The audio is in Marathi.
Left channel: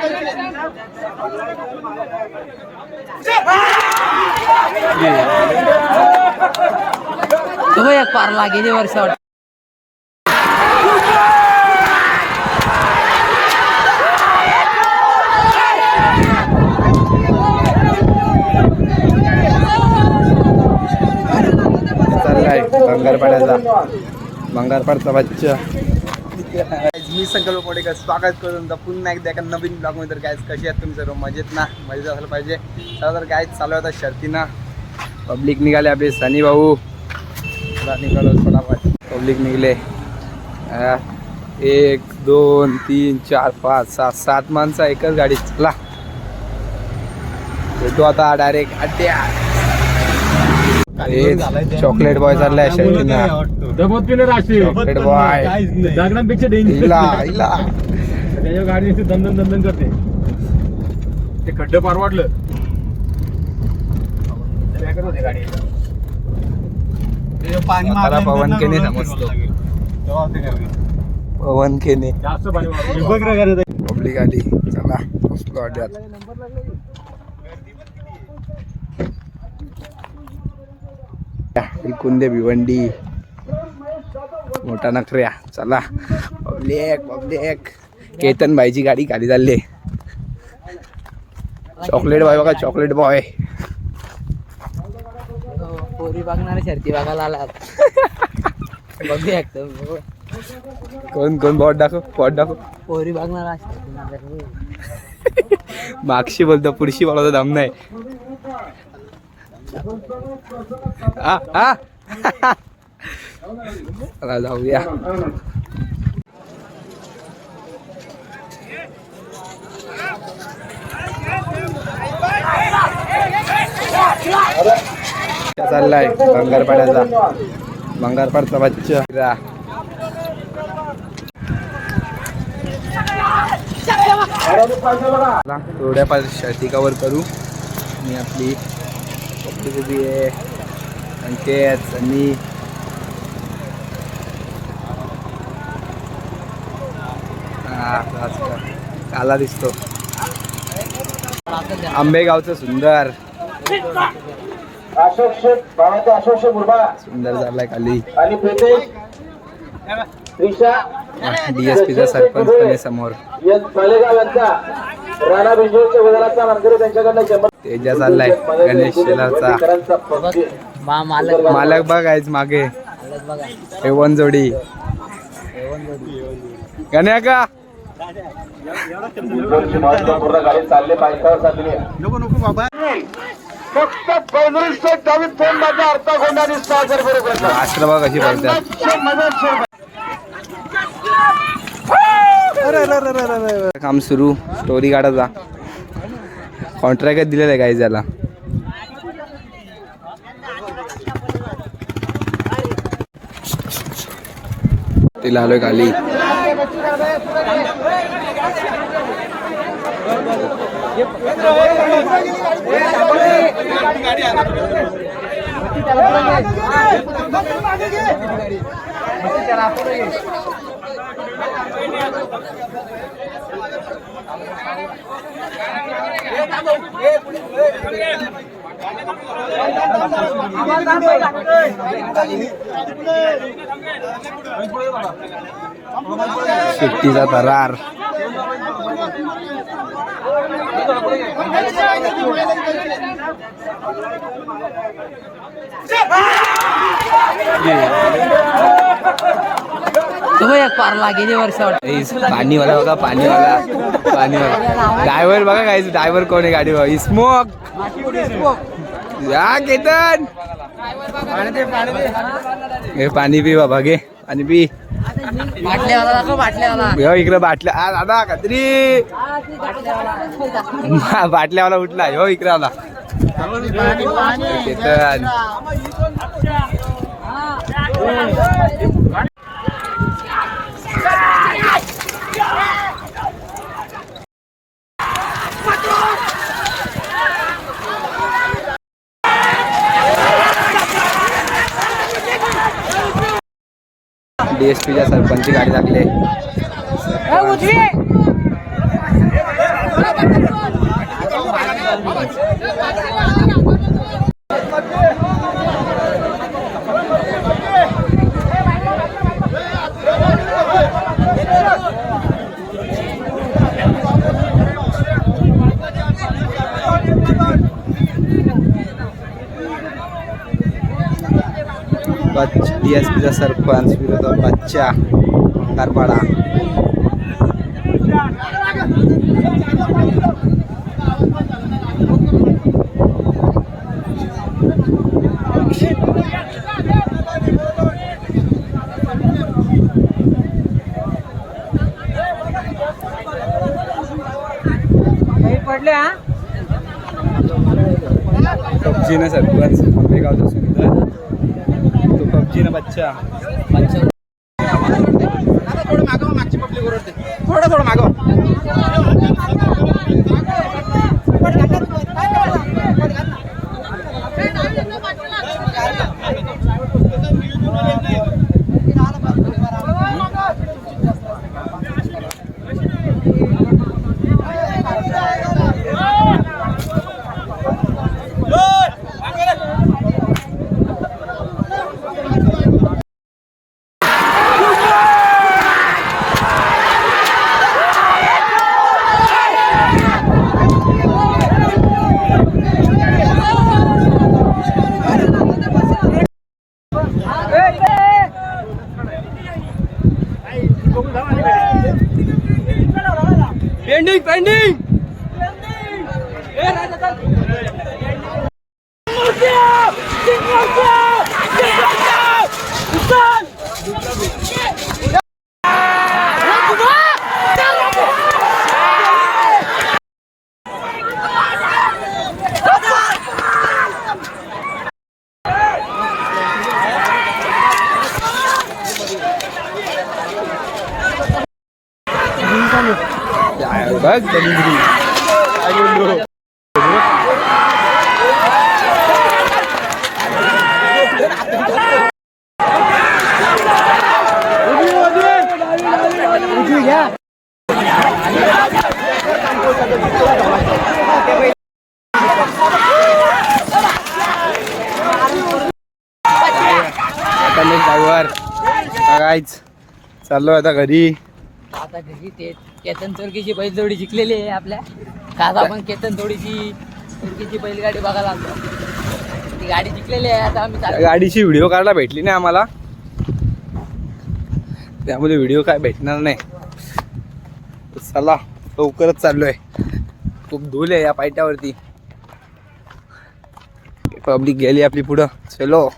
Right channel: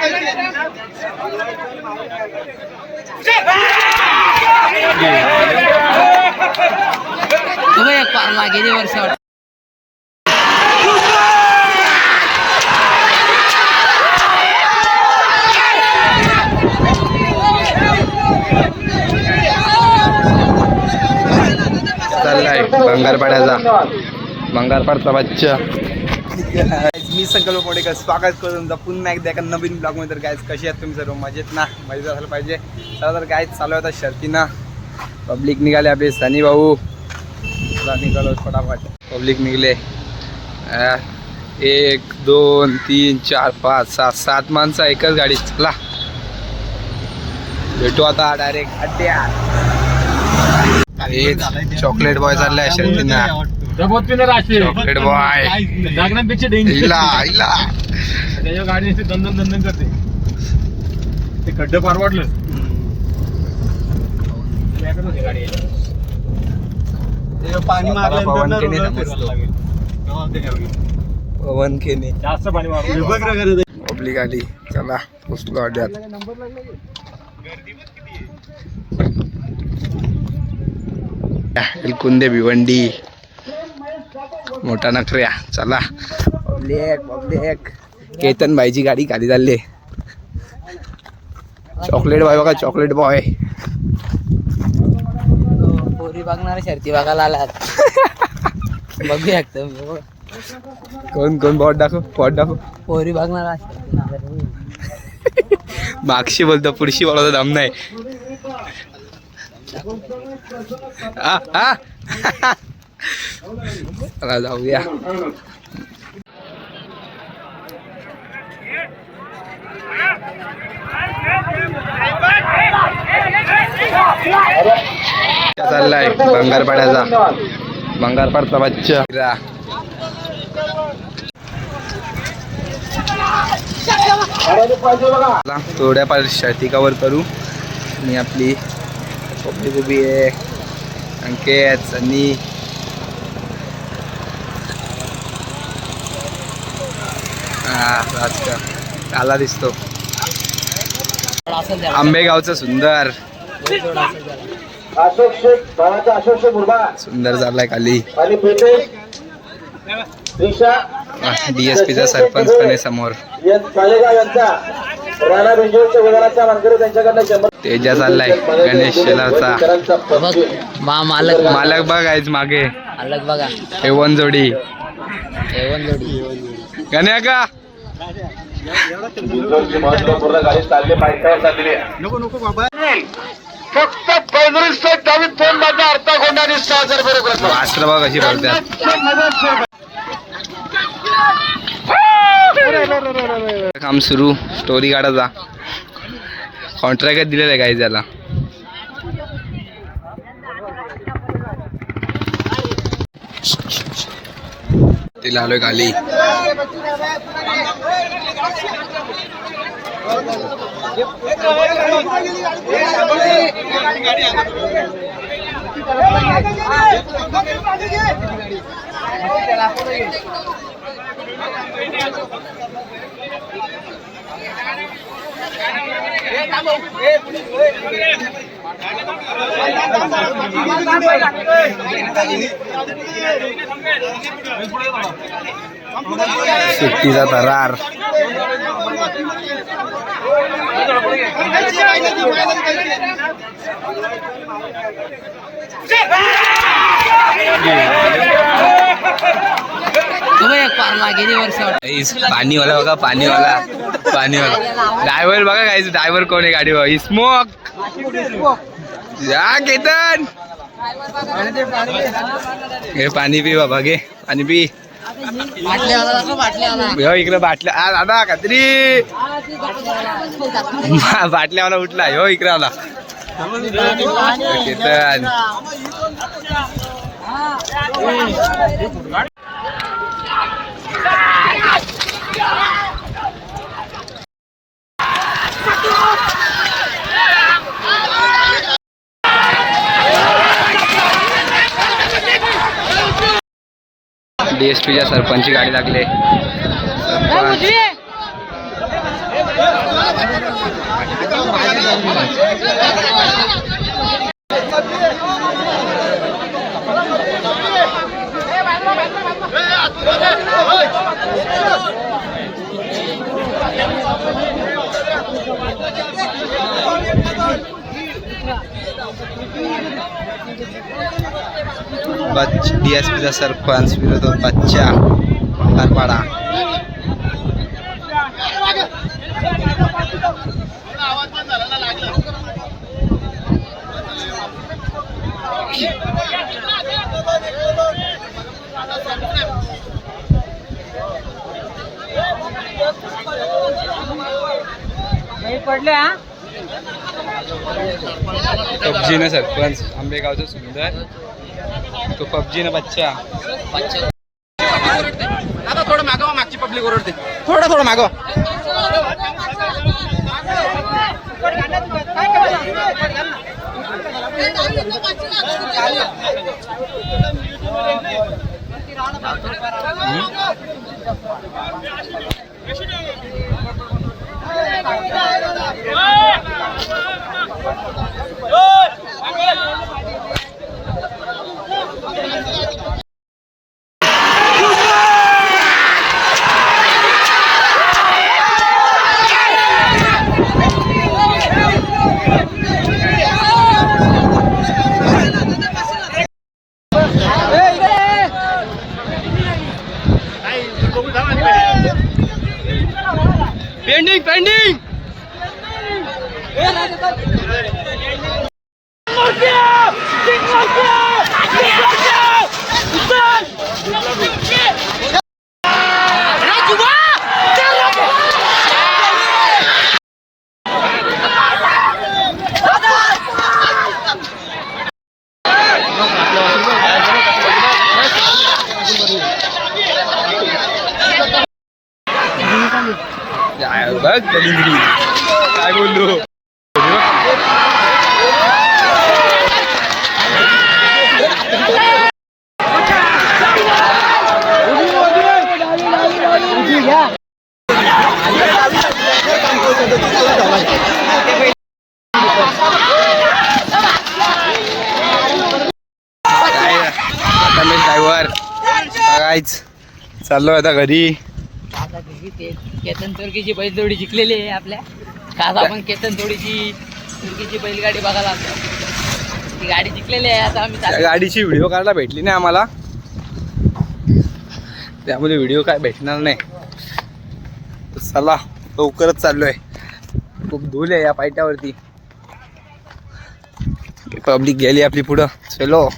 तुम्ही एक पार लागेल वर्ष चाललाय भंगारपाड्याचा भंगारपाडचा बच्चा. मी संकल्प मोठे स्वागत करून तुमचा पुन्हा एकदा एका नवीन ब्लॉग मध्ये. तर गायज कशी आहेत तुम्ही सर्व मजेत ना? मजेत असायला पाहिजे. चला तर गायज चालू होता शर्तीनं. पब्लिक निघाले आपले सनी भाऊ. निघालो फटाफट. पब्लिक निघले 1 2 3 4 5 6 7 माणसं एकच गाडी. चला भेटू आता डायरेक्ट अड्ड्यात. चॉकलेट बॉय चाललाय शर्तीनं. चॉकलेट बॉय गाडी दंदन करते. ते खड्डे पार वाटलं पाणी पवन केने पवन केने जास्त पाणी पब्लिक आली. चला पोचलो अड्ड्यात. कुंदे भिवंडी मोठा नखऱ्या. चला पब्लिक केतन भाईची गाडी खाली चालली. चॉकलेट बॉय बघा चॉकलेट बॉय. पोरी बघणारे शर्ती बघायला आलात. बघूया कोण कोण बॉट दाखव पोरी बघणार मागशी बोलतो पुढशी बोलतो दम नाही. चला जाऊया. चाललाय भंगारपाड्याचा भंगारपाडचा बच्चा. थोड्याफार शर्ती कवर करू. आणि आपली पब्लिक उभी आहे. अंकित सनी आला दिसतो. आंबेगावचं सुंदर सुंदर झालाय खाली. DSPचा सरपंच पण आहे समोर. तेजा चाललाय गणेश शेलावचा. मालक बघायच मागे एवन जोडी गण्या का नको बाबा. फक्त वास्त्र बघ कशी भरतात. काम सुरू स्टोरी काढायचा. कॉन्ट्रॅक्ट दिलेला आहे काही त्याला. तिला आलोय खाली. सुट्टीचा थरार. तुम्ही एक पार लागेल वर्ष पाणीवाला बघा पाणीवाला ड्रायव्हर बघा काय ड्रायव्हर कोण आहे गाडीवर. स्मोक या केतन हे पाणी पी बाबा घे पाणी पी. इकडे बाटल्या दादा कात्री बाटल्यावाला उठला हो इकडे आला केतन. DSPच्या सरपंचची गाडी लागले. DSPचा सरपंच विरोधात बच्चा कारपाडा. पडले हा पबजीनं सरपंच आंबेगावचा सुंदर तो पबजीनं बच्चा. आता थोडं मागवा, मागची पब्लिक ओरडते. थोडं मागवा. पेंडिंग बघ डिग्री काय बोललो. आता मी ड्रायव्हर बघायच चाललो आता घरी. आता घरी केतन चोरकीची बैलजोडी जिंकलेली आहे आपल्या. काल आपण केतन चोरकीची बैलगाडी बघायला आलो. ती गाडी जिंकलेली आहे. आता आम्ही त्या गाडीची व्हिडिओ काढायला भेटली नाही आम्हाला, त्यामुळे व्हिडिओ काय भेटणार नाही. चला लवकरच चाललोय. खूप धूल आहे या पायट्यावरती. पब्लिक गेली आपली पुढं. चलो.